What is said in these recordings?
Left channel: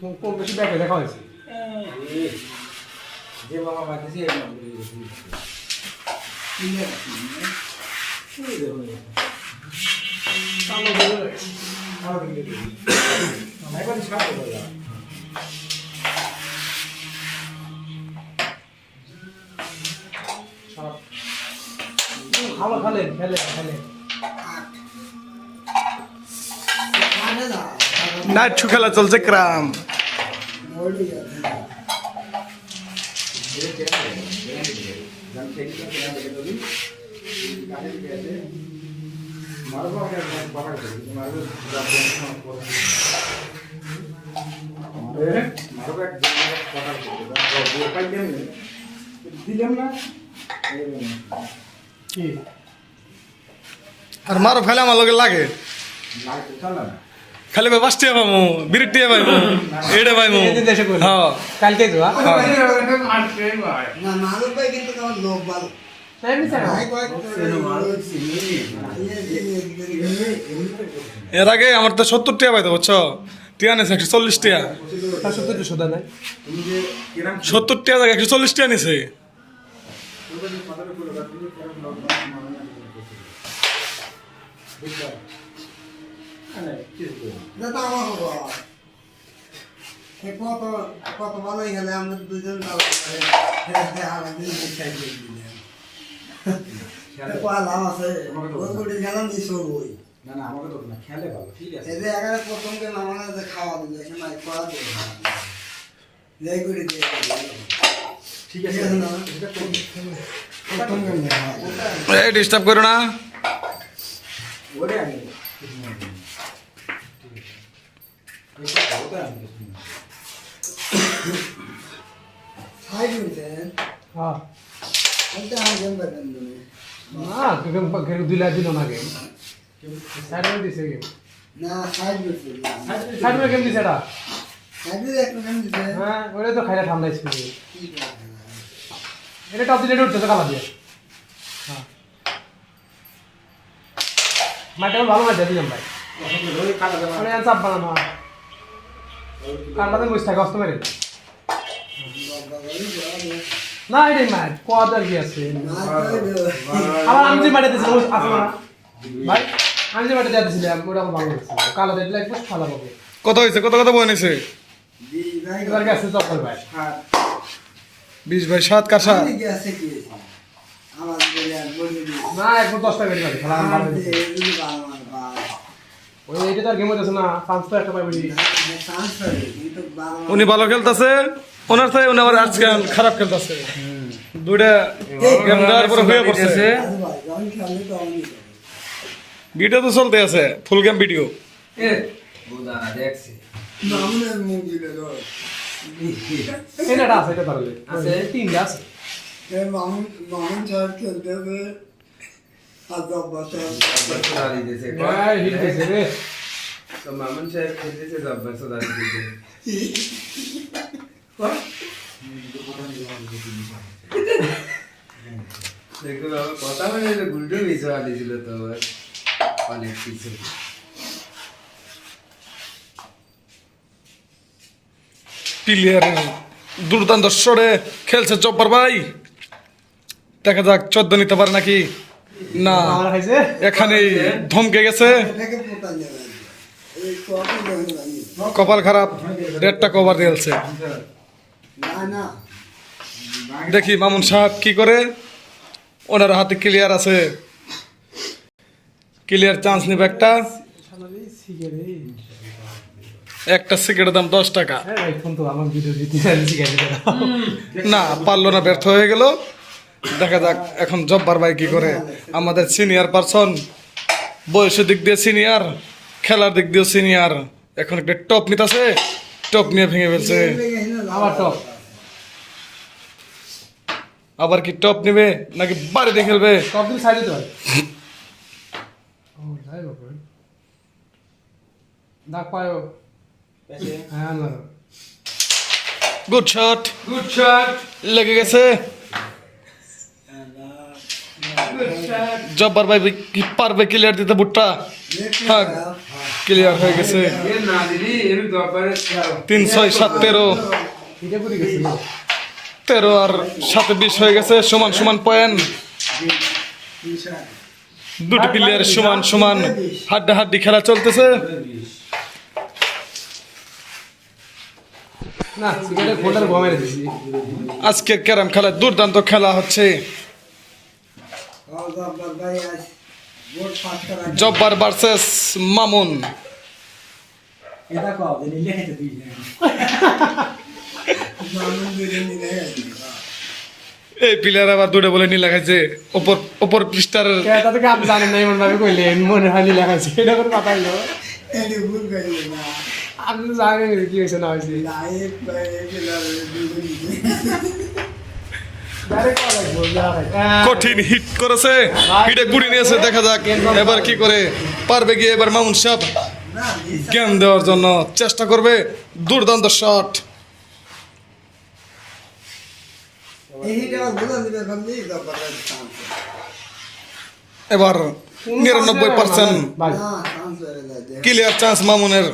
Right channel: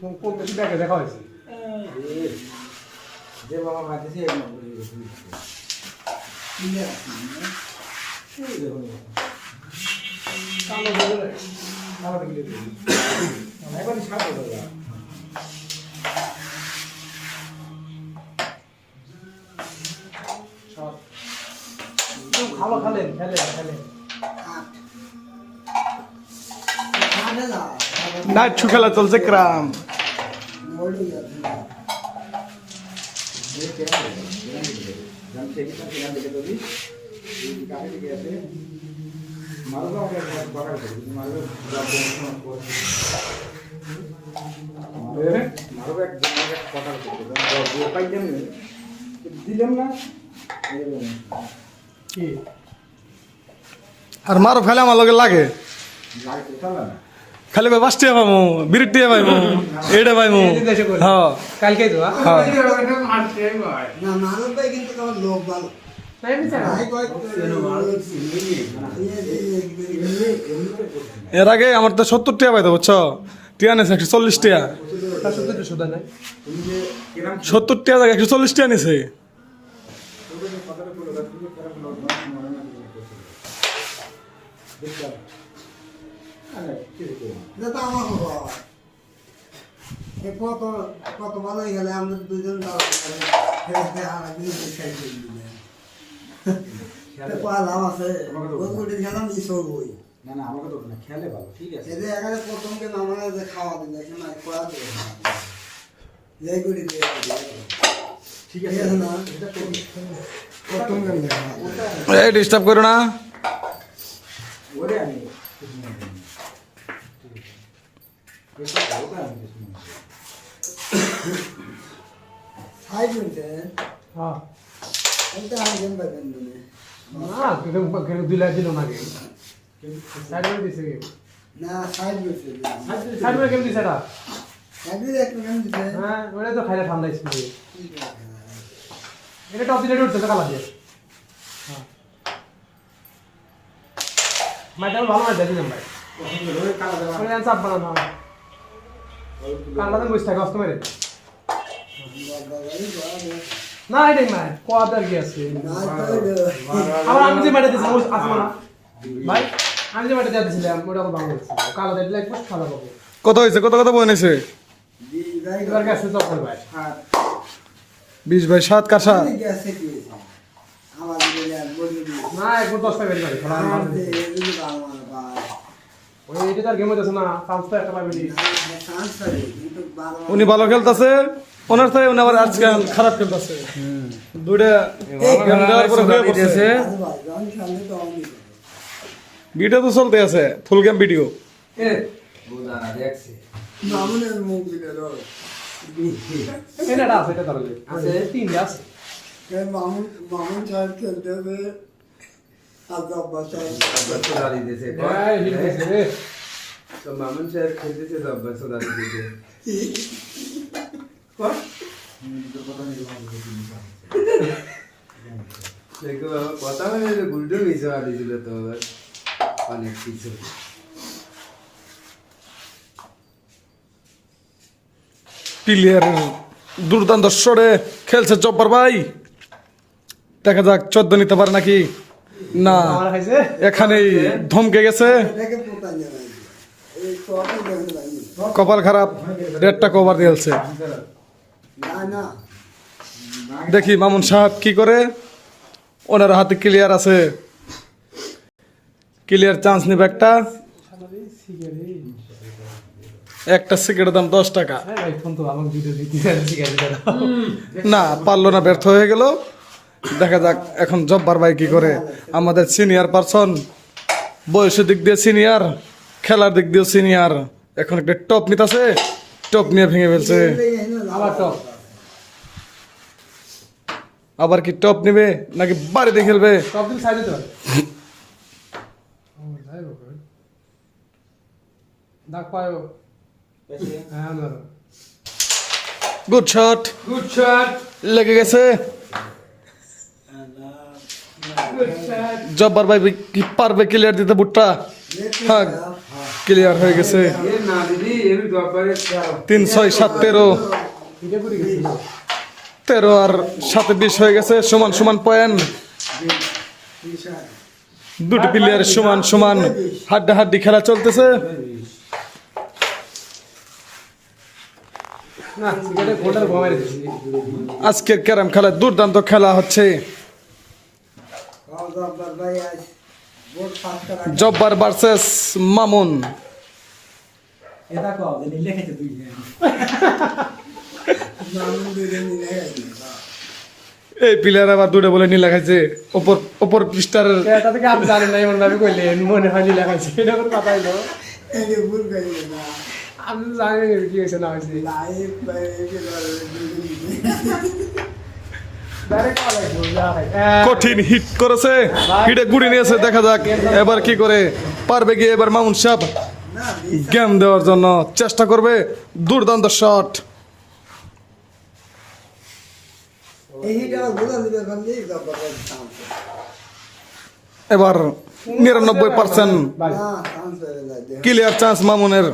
কোন বেশি ব্যাগে দেখা হয়েছে যে বাবা মাইতেছে এই নম্বরে ভালো খেলে খেলে খেলে নাইট খেলা চলছে ক্রাম দিলাম না কি আর মারো ফেলা আমার লগে লাগে খালি ভাই বাসটিয়া পাবো বিরটিয়া পাবো এইটা পাইবো হ্যাঁ কালকে তো না মালু ভাই কিন্তু আমার লোক ভালো এর আগে আমার তো 70 টাকা পাইতো বুঝছো টিয়া নিছে 140 টাকা সত্যি তো সুদা নাই 70 টাকা 140 টাকা নিছে কত কত ভালো গেলে আমরা দুজন লাভ আছে খেলাম ঈশ্বর বই না না আমাকে তো না খেলে ভালো ঠিক আছে এদের এখানে প্রথমকে নামানো যে খাওয়া দিল এখানে করা দিল যাই করে দিয়ে ঠিক আছে না প্রথমকে এই ডিস্টার্ব করো না ওরে আমি হাই বলছে হ্যাঁ বলতে আমি গেম পাবেন তুমি না কেউ দিলা দিল না গে সাইড में দিছে গে না সাইড বলছে সাইড में কেম দিছে এটা সাইড একটু গেম দিছে হ্যাঁ ওরে তো খাইলে ঠান্ডা স্পিড এটা টপ দিলে উঠছে কালা দিয়ে হ্যাঁ মাইটা ভালো মাইটা দিলাম ভাই ওই কাটা দেওয়া আরে চাপ বানানো কালাতে বসে থাকে কষ্ট মেরে না এটা না কোয়াটা কি আছে আমার আমি যে মাইটা দিছিলাম আছে না ভাই আমি যে মাইটা দিছিলাম ওটা ভালো হচ্ছে কালা দিলে একটু ভালো হবে কত হয়েছে কত কত বনেছে এবার গেছে চপ্পল ভাই 20 ভাই 7 কাঠা গেছে কি আমার দিলে বলি না এখন 10 টাকা বেশি ভাই আর দে এই বাবা ভাই ওই এটা তার গেম হচ্ছে না 500 টাকা পাবি চান্স পাবে কিন্তু বাবা উনি ভালো খেলতেছে ওনার থেকে উনি আবার আজকে খারাপ খেলতেছে দুইটা গেম দেওয়ার পরে হয়ে পড়ছে ভাই যখন খেললে তো আমি ভিডিও তো চলতে আছে ফুল গেম ভিডিও এ বুদানা দেখছি নামনে মুভি দিলো এটা আছে এটা পারবে আছে তিনটা আছে এ মামুন মামুন সাহেব খেলতে হবে আজাব বাচ্চা সোদারি দিয়েছে ভাই হিট হইছে রে তো মামুন সাহেব খেলতেছে জব্বার সোদারি দিয়েছে দেখো বাবা কথা বলে গুলটু বিষয় দিয়েছিল তো অনেক কিছু প্লেয়ার দুর্দান্ত শটে খেলছে জব্বার ভাই দেখা যাক 14 নিতে পারে নাকি না আমার খাইছে এখানেই ধমকে গেছে এটাকে পোতা যাবে এই কত দেন লাগি কপাল খারাপ 1.5টা কভার দিয়েছে না না দেখি মামুন সাহেব কি করে ওনার হাতে ক্লিয়ার আছে ক্লিয়ার চান্স নিবে একটা সিগারেটের দাম 10 টাকা ভাই ফোন তো আমার ভিডিও দিতে যাচ্ছি গাইছে না পারলো না ব্যর্থ হয়ে গেল দেখা যাক এখন জব্বার ভাই কি করে আমাদের সিনিয়র পারসন বয়সের দিক দিয়ে সিনিয়র খেলার দিক দিয়ে সিনিয়র এখন একটা টপ নিতেছে টপ নিয়ে ভেঙে ফেলছে আমার টপ আবার কি টপ নেবে নাকি বাড়িতে খেলবে টপ দিন সাইডে তো ও যাই বাবা দাগ পায়ো হ্যাঁ না গুড শট গুড শট লেগে গেছে গুড শট জব্বার ভাই কি পারবে ক্লিয়ার দিতে বুটটা হ্যাঁ ক্লিয়ার হয়ে গেছে এ না দিদি এর ব্যাপারে 3 6 7 13 এটা পুরি গেছে 13 আর 7 20 হয়ে গেছে সমান সমান পয়েন্ট দুটি প্লেয়ার সমান সমান হাড্ডাহাড্ডি খেলা চলতেছে না সিগারেট ফোটার ভয় দিছি আজকের ক্যারাম খেলা দুর্দান্ত খেলা হচ্ছে ভাই আজ ভোট পাস করা জব্বার ভার্সেস মামুন এটা কও যে নিলে খেতে দিই মানুষ দুইটা মিলে গেছে এই প্লেয়ার আবার দুটো বলে নীলা খাইছে ওপর পৃষ্ঠার এটা থেকে আপনি জানেন না এমন ভাবে কইলেন মনে হয় নি লেখাইছে এটা করে কথা হইলো এই ভুল গেল না আপনি জানেন কি হয়েছে না হয়েছে লাইভ ভাই এগুলা ডাইরেক্ট কল লাগবে কঠিন হিট করেছে হিটে গুড়ি নিয়েছে দেখা যাক এবার কি করে পারবে কি এবার মামুন সাহেব না গেম দেওয়ার জন্য চেষ্টা করবে দুর্দান্ত শট এইটা বুঝা দিবে বন্ধু জব্বার ভাই চান্স এবার 99% ভাই না চান্স হয়ে যায় ক্লিয়ার চান্স মামুনের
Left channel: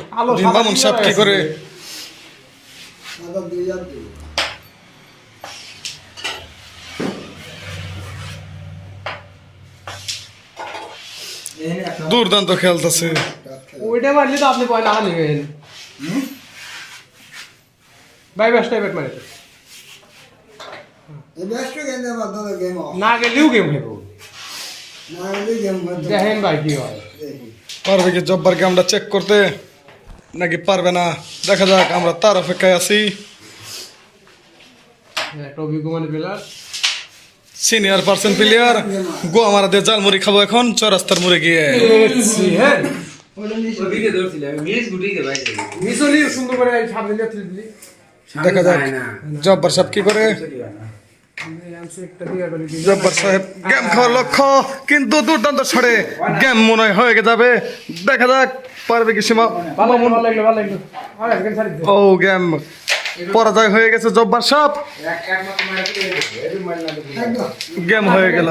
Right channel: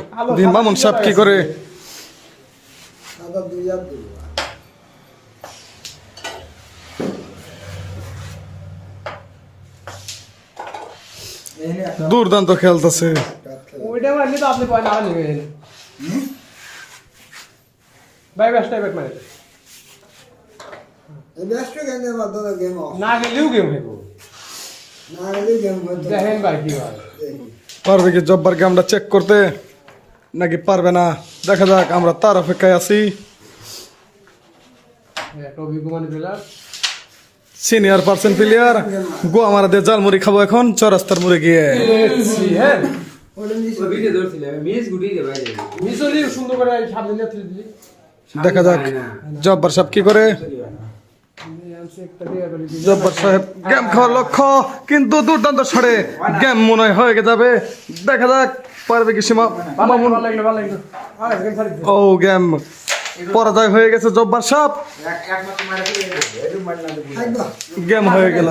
মামুন সাহেব কি করে দাদা 2000 দিব এনে একটা দুর্দান্ত খেলতেছে ওইটা মারলে তো আপনি পয়সা হানি হয়ে ভাই বেস্ট টাইপের মারে এই বেস্ট গেমে বাদলে গেম অফ না গেলেও গেম হেবো না হলে গেম বন্ধ দেখেন ভাই কি হয় পারবে কি জব্বার গেমটা চেক করতে নাকি পারবে না দেখা যাক আমরা তার অপেক্ষায় আছি টবি Kumar player senior percent player Goa মারা দিয়ে জাল মুড়ি খাবো এখন চরাস্তার মুড়ে গিয়ে হ্যাঁ ওটা নিছে ওদিকে ধরছিলাম মিস গুটিকে ভাই যাবে মিসলি সুন্দর করে সামনে নিয়ে তুলবি দেখা যাক জব্বার সাহেব কি করে একটা দিয়ে গেল জব্বার সাহেব গেম খাওয়ার লক্ষ্য কিন্তু দুর্দান্ত ছড়ে গেম মনে হয় হয়ে যাবে দেখা যাক পারবে কি সীমা মামুন ভালো লাগলো আর একজন ছাড়ি ও গেম পরাজয় হয়ে গেছে জব্বার সাহেব একমাত্র মারা কি এর মারলা থাকবা গেম হয়ে গেল